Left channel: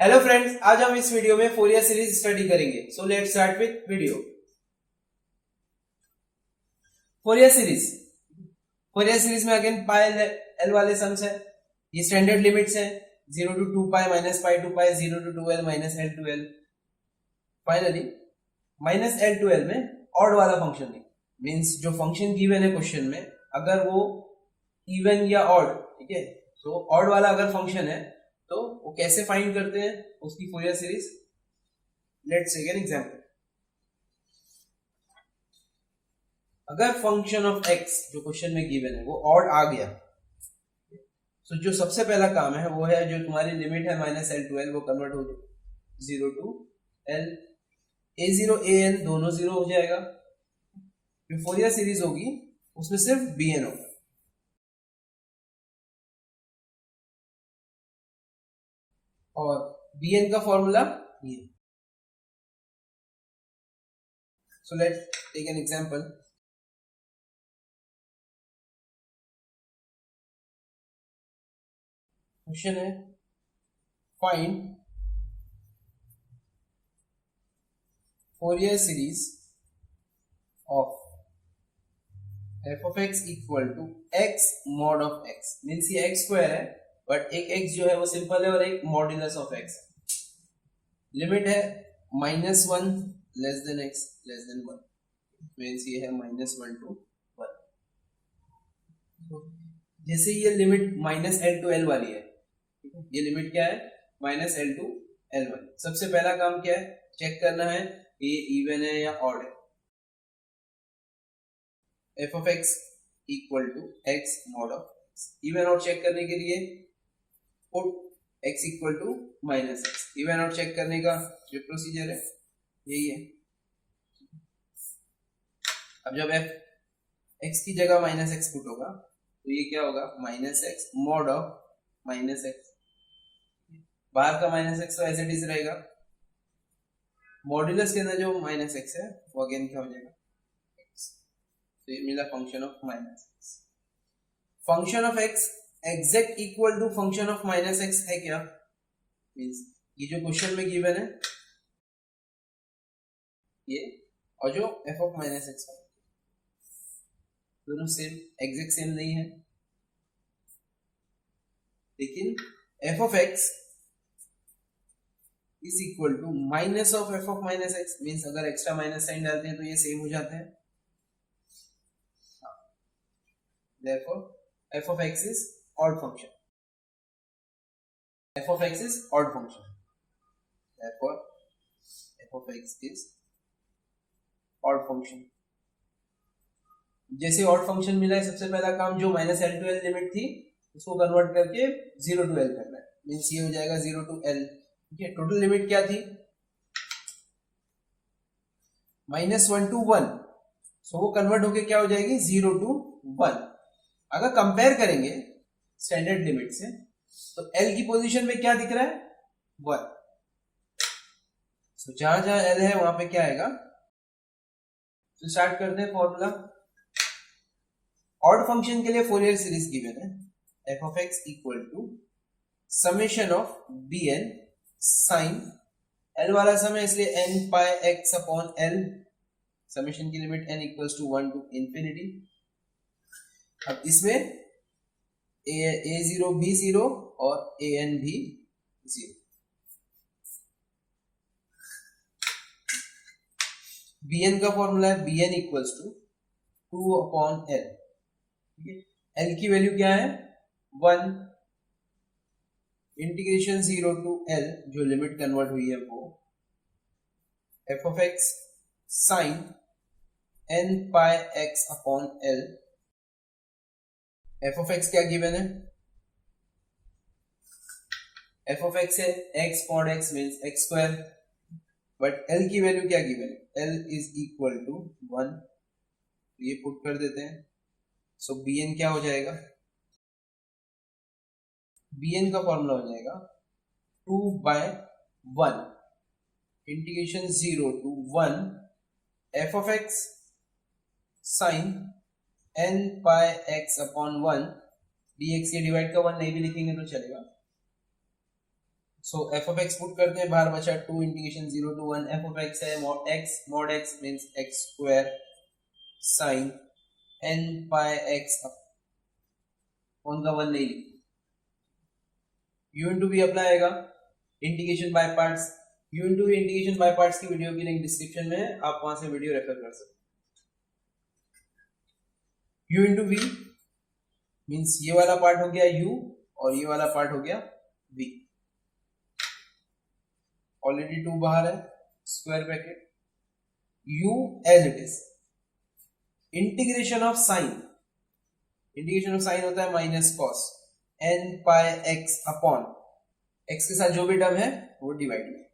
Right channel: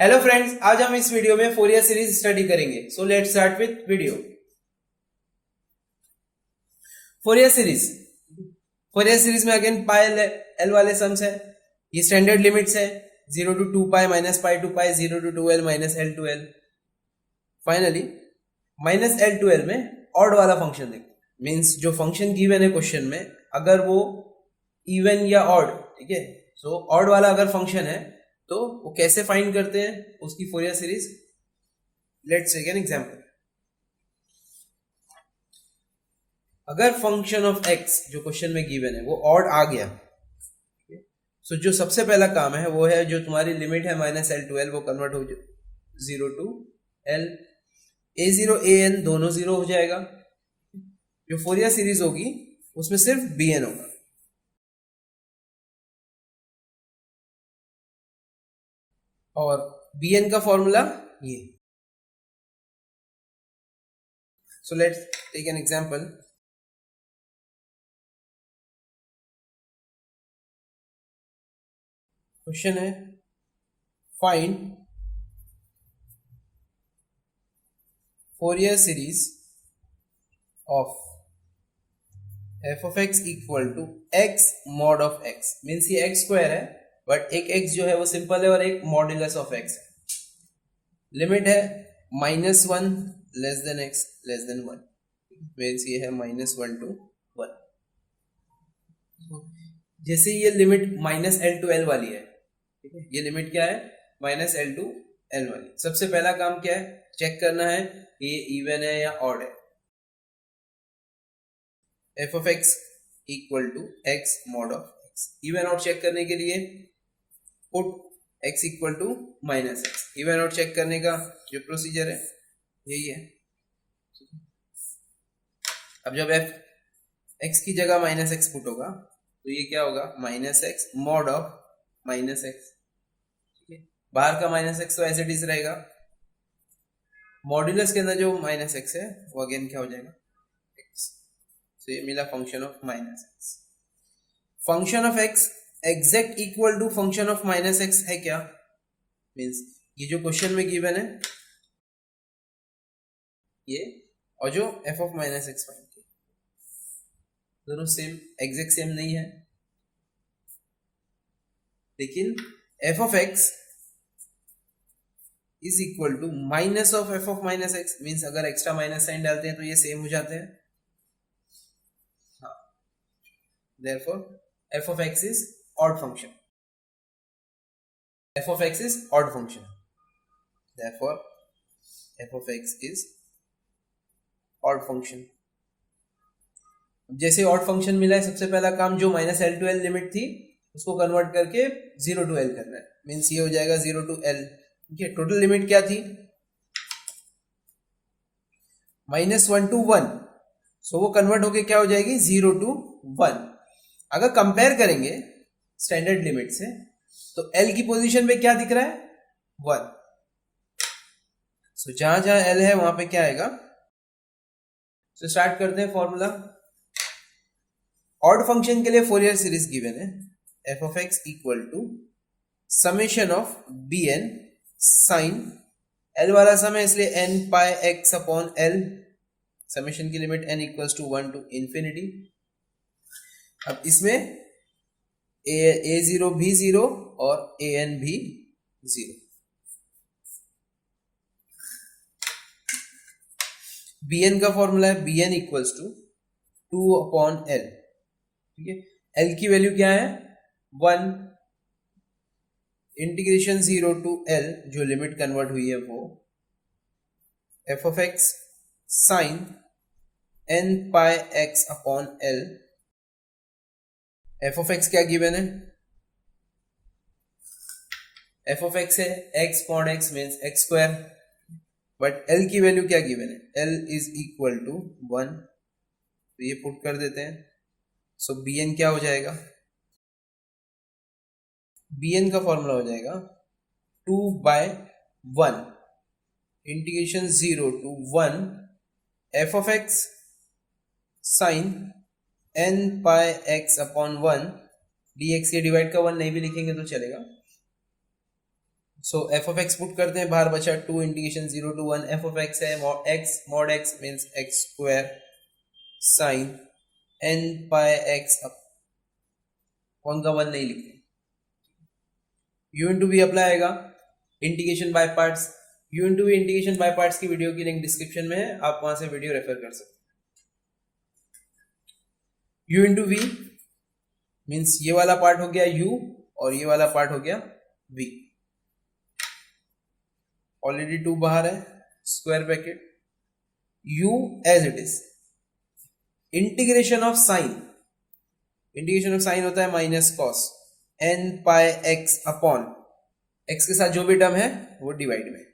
Hello friends, आज हम इस वीडियो में फोरियर सीरीज स्टडी करेंगे। So let's start with video. Fourier series Fourier series में अगेन पाई एल वाले सम्स है। ये स्टैंडर्ड लिमिट्स है, 0 to 2 pi minus pi to pi, 0 to 2l minus L to L. Finally minus L to L में odd वाला function देखते हैं। Means जो फंक्शन गिवन है क्वेश्चन में, अगर वो इवन या ऑड, ठीक है, सो ऑड वाला अगर फंक्शन है तो वो कैसे फाइंड करते हैं उसकी Fourier series. Let's take an example. अगर फंक्शन ऑफ एक्स जो क्वेश्चन में गिवन है वो ऑड आ गया, सो जो सबसे पहला काम है वो है, जो तुम्हारी लिमिट है माइनस एल टू एल, वो कन्वर्ट हो 0 to l। A zero a n दोनों जीरो हो जाएगा। जो फोरियर सीरीज होगी उसमें सिर्फ बी एन होगा। और बी एन का फॉर्मूला ये। So let's take an example. Question है, find Fourier series of f of x equal to x mod of x. Means ये एक्स स्क्वायर है, बट एक एक्स जो है वो सिंपल है और एक मॉड्यूलस ऑफ एक्स है। लिमिट है -1 less than x less than 1। Means ये है -1 to 1। जैसे ये limit minus L to l वाली है, ठीक है, ये लिमिट क्या है, माइनस एल टू एल वाली। सबसे पहला काम क्या है, चेक करना है ये इवन है या ऑड है। F of x equal to x mod of x. Even odd check करने के लिए put x equal to minus x. Even odd check करने का जो प्रोसीजर है यही है। अब जब एफ एक्स की जगह माइनस एक्स पुट होगा तो ये क्या होगा, minus x mod of minus x. ठीक है, बाहर का माइनस एक्स तो एज इट इज रहेगा। मॉड्यूलस के अंदर जो माइनस एक्स है वो अगेन क्या हो जाएगा, एक्स। तो ये मिला function of minus x. Function of x exact equal to function of minus x है क्या, मीन्स ये जो क्वेश्चन में गिवन है ये, और जो f of minus x find किया, दोनों सेम एग्जैक्ट सेम नहीं है। लेकिन f of x is equal to minus of f of minus x. Means अगर एक्स्ट्रा माइनस साइन डालते हैं तो ये सेम हो जाते हैं। Therefore, f of x is odd function. f of x is odd function. Therefore, f of x is odd function. जैसे odd function मिला है, सबसे पहला काम जो minus L to L limit थी उसको कन्वर्ट करके 0 to l करना है। मीन्स ये हो जाएगा 0 to l। ठीक है, टोटल लिमिट क्या थी, -1 to 1। सो वो कन्वर्ट होके क्या हो जाएगी, 0 to 1। अगर कंपेयर करेंगे स्टैंडर्ड लिमिट से तो L की पोजीशन पे क्या दिख रहा है, 1। सो जहां जहां L है वहां पे क्या आएगा। सो स्टार्ट करते हैं फॉर्मूला। ऑड फंक्शन के लिए फोरियर सीरीज गिवन है, f of x equal to summation of b n sine, l वाला सम है इसलिए n pi x upon l. Summation की limit n equals to 1 to infinity. अब इसमें ए जीरो भी जीरो और ए एन भी जीरो। बी एन का फॉर्मूला है b n equals to 2 upon l. ठीक है, एल की वैल्यू क्या है, 1। इंटीग्रेशन 0 to l, जो लिमिट कन्वर्ट हुई है वो f of x sine n pi x upon l. F of x क्या गिवन है, एफ ऑफ एक्स है x mod x means x square, but l की वैल्यू क्या गिवन है, एल इज इक्वल टू 1। तो ये पुट कर देते हैं। सो बी एन क्या हो जाएगा, बी एन का फॉर्मूला हो जाएगा 2/1 integration 0 to 1 f of x sine n pi x upon 1 d x. ये डिवाइड का 1 नहीं भी लिखेंगे तो चलेगा। So f of x put करते हैं, बाहर बचा 2 integration 0 to 1 f of x है mod x means x square sine n pi x up, one का वन नहीं लिखते, u इंटू वी अप्लाई आएगा, integration by parts, u into v integration by parts की वीडियो की link description में है, आप वहां से वीडियो रेफर कर सकते हैं। u इंटू वी मीन्स ये वाला पार्ट हो गया u और ये वाला पार्ट हो गया v, ऑलरेडी 2 बाहर है, square bracket u as it is, integration of sine, integration of sine होता है minus cos n pi x upon x के साथ जो भी टर्म है वो डिवाइड में,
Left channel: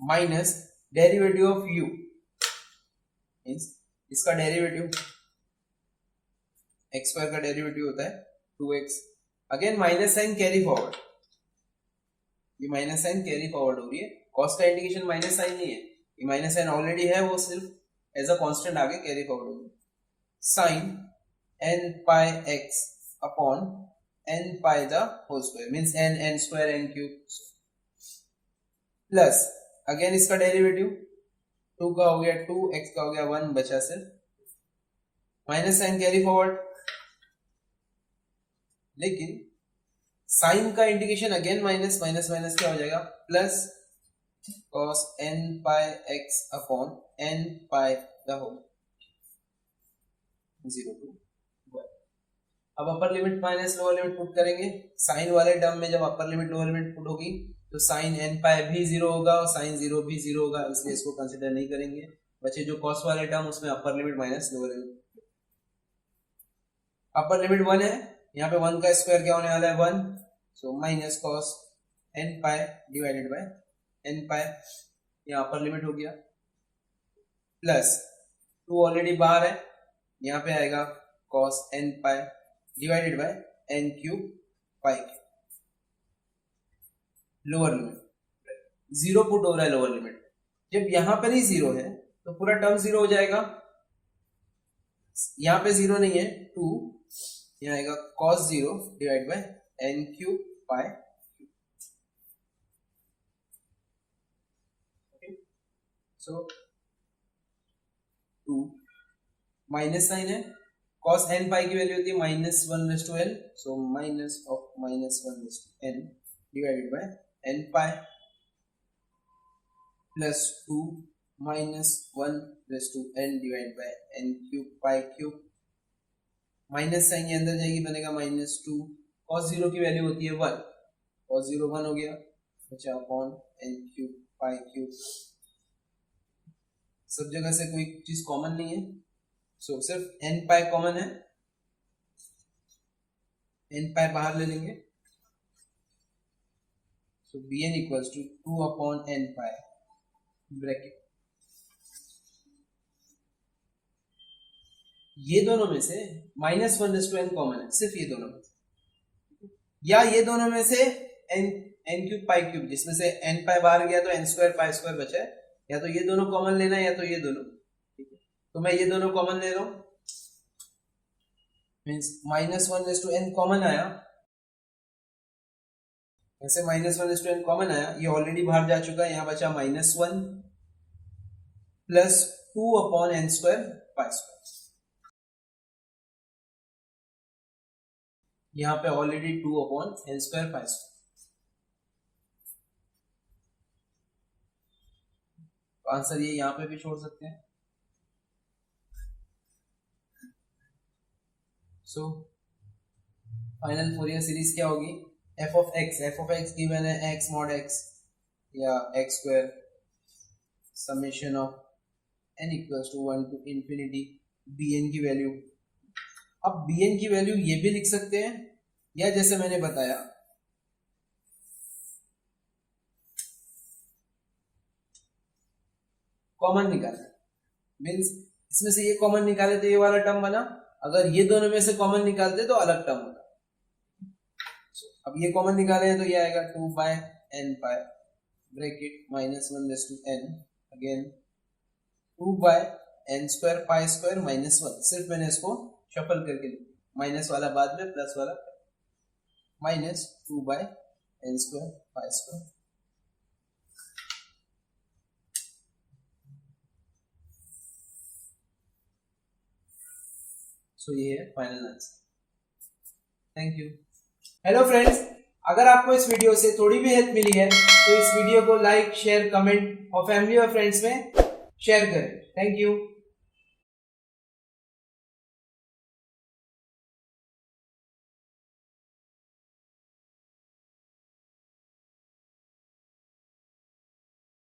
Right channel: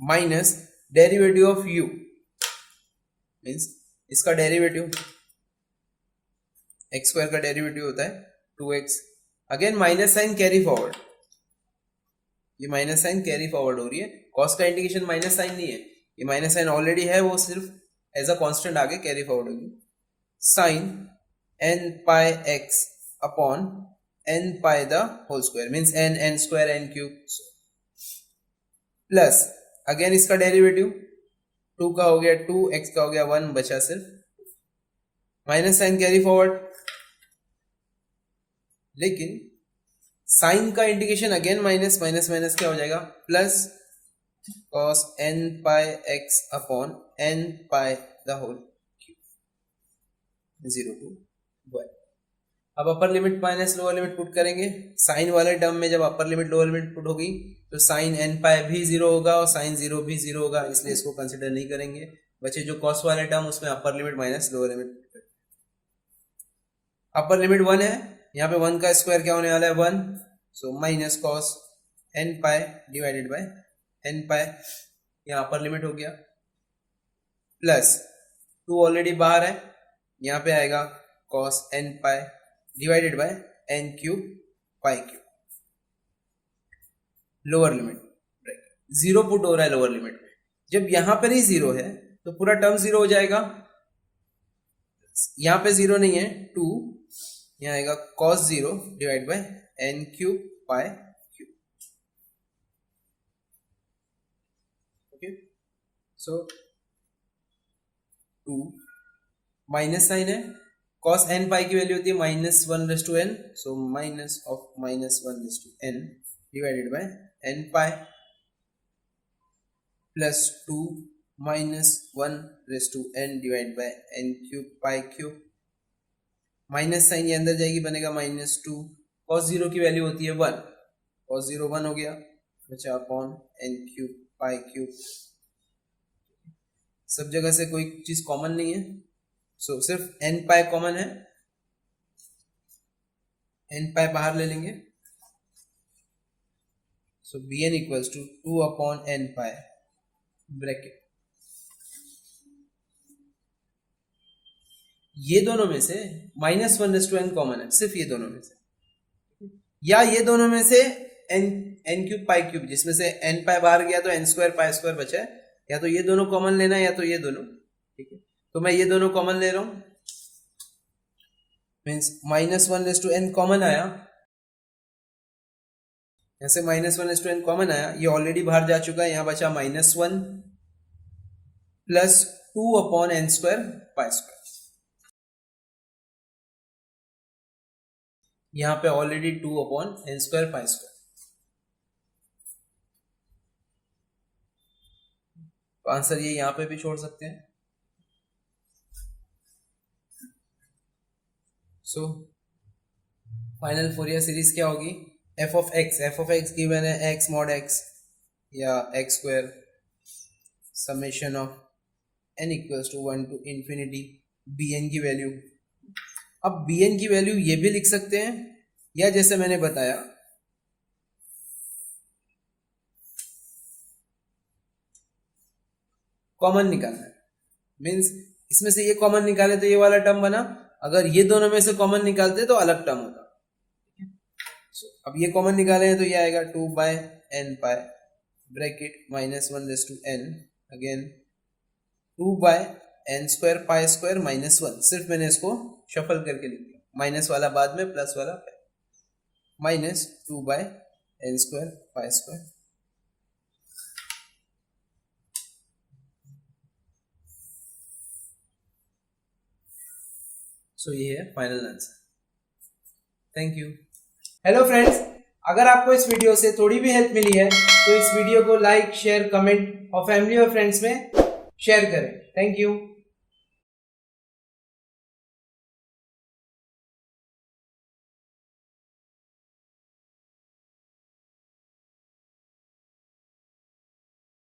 minus derivative of u means इसका डेरिवेटिव, x स्क्वायर का डेरिवेटिव होता है 2x, again minus sine carry forward, ये माइनस साइन कैरी फॉरवर्ड हो रही है, कॉस का इंटीग्रेशन माइनस साइन नहीं है, ये माइनस साइन ऑलरेडी है, वो सिर्फ एज अ कांस्टेंट आगे कैरी फॉरवर्ड होगी, sine n pi x upon n pi the whole square means n square n cube, plus again इसका डेरिवेटिव 2 का हो गया 2, x का हो गया 1, बचा सिर्फ माइनस साइन कैरी फॉरवर्ड, लेकिन साइन का integration again minus minus minus क्या हो जाएगा plus cos n pi x upon n pi the whole cube 0 to 1। अब upper limit minus lower limit put करेंगे, साइन वाले टर्म में जब upper limit lower limit put होगी तो साइन n पाई भी 0 होगा और साइन 0 भी 0 होगा, इसलिए इसको कंसिडर नहीं करेंगे, बचे जो कॉस वाले टर्म उसमें अपर limit minus lower limit, upper limit 1 है, यहाँ पे 1 का स्क्वायर क्या होने वाला है 1, so minus cos n pi divided by n पाई, यहाँ अपर लिमिट हो गया, प्लस 2 ऑलरेडी बाहर है, यहाँ पे आएगा cos n pi divided by n cube pi cube, lower limit 0 put हो रहा है लोअर लिमिट में, जब यहाँ पर ही 0 है तो पूरा टर्म 0 हो जाएगा, यहाँ पे 0 नहीं है 2, यहाँ आएगा cos 0 divide by n cube pi cube, okay, so 2 minus sine है, cos n पाई की वैल्यू होती है minus 1/n, so minus of minus 1/n divided by n pi plus 2 minus 1/n divide by n cube pi cube, minus sine ये अंदर जाएगी, बनेगा minus 2, cos 0 की value होती है 1, cos 0 1 हो गया, बचा upon n cube pi cube, सब जगह से कोई चीज कॉमन नहीं है, सो सिर्फ n पाई कॉमन है, n पाई बाहर ले लेंगे, सो bn इक्वल्स टू 2 अपॉन n पाई ब्रैकेट, ये दोनों में से माइनस 1/n कॉमन है, सिर्फ ये दोनों में से, या ये दोनों में से n क्यूब पाई क्यूब, जिसमें से n पाई बाहर गया तो n स्क्वायर पाई स्क्वायर बचा है, या तो ये दोनों कॉमन लेना है या तो ये दोनों, ठीक है, तो मैं ये दोनों कॉमन ले रहा हूं, मीन्स माइनस 1/n कॉमन आया, ऐसे माइनस 1/n कॉमन आया, ये ऑलरेडी बाहर जा चुका है, यहां बचा -1 प्लस 2 अपॉन n स्क्वायर पाई स्क्वायर, यहां पे ऑलरेडी 2 अपॉन n स्क्वायर पाई स्क्वायर, तो आंसर ये यहां पे भी छोड़ सकते हैं, सो फाइनल फोरियर सीरीज क्या होगी, एफ ऑफ एक्स गिवन है x mod x या x square summation of n equals to 1 to infinity bn की वैल्यू, अब bn की वैल्यू ये भी लिख सकते हैं, या जैसे मैंने बताया कॉमन निकालना है, मीन्स इसमें से ये कॉमन निकाले तो ये वाला टर्म बना, अगर ये दोनों में से कॉमन निकालते तो अलग टर्म होता, अब ये कॉमन निकाले हैं तो ये आएगा 2 by n pi bracket minus 1/n, again 2 by n square pi square minus 1, सिर्फ मैंने इसको शफल करके लिख दिया, माइनस वाला बाद में प्लस वाला minus 2 by n square pi square. So ये है final answer. Thank you. Hello friends, अगर आपको इस वीडियो से थोड़ी भी हेल्प मिली है तो इस वीडियो को लाइक, शेयर, कमेंट और फैमिली और फ्रेंड्स में शेयर करें. Thank you.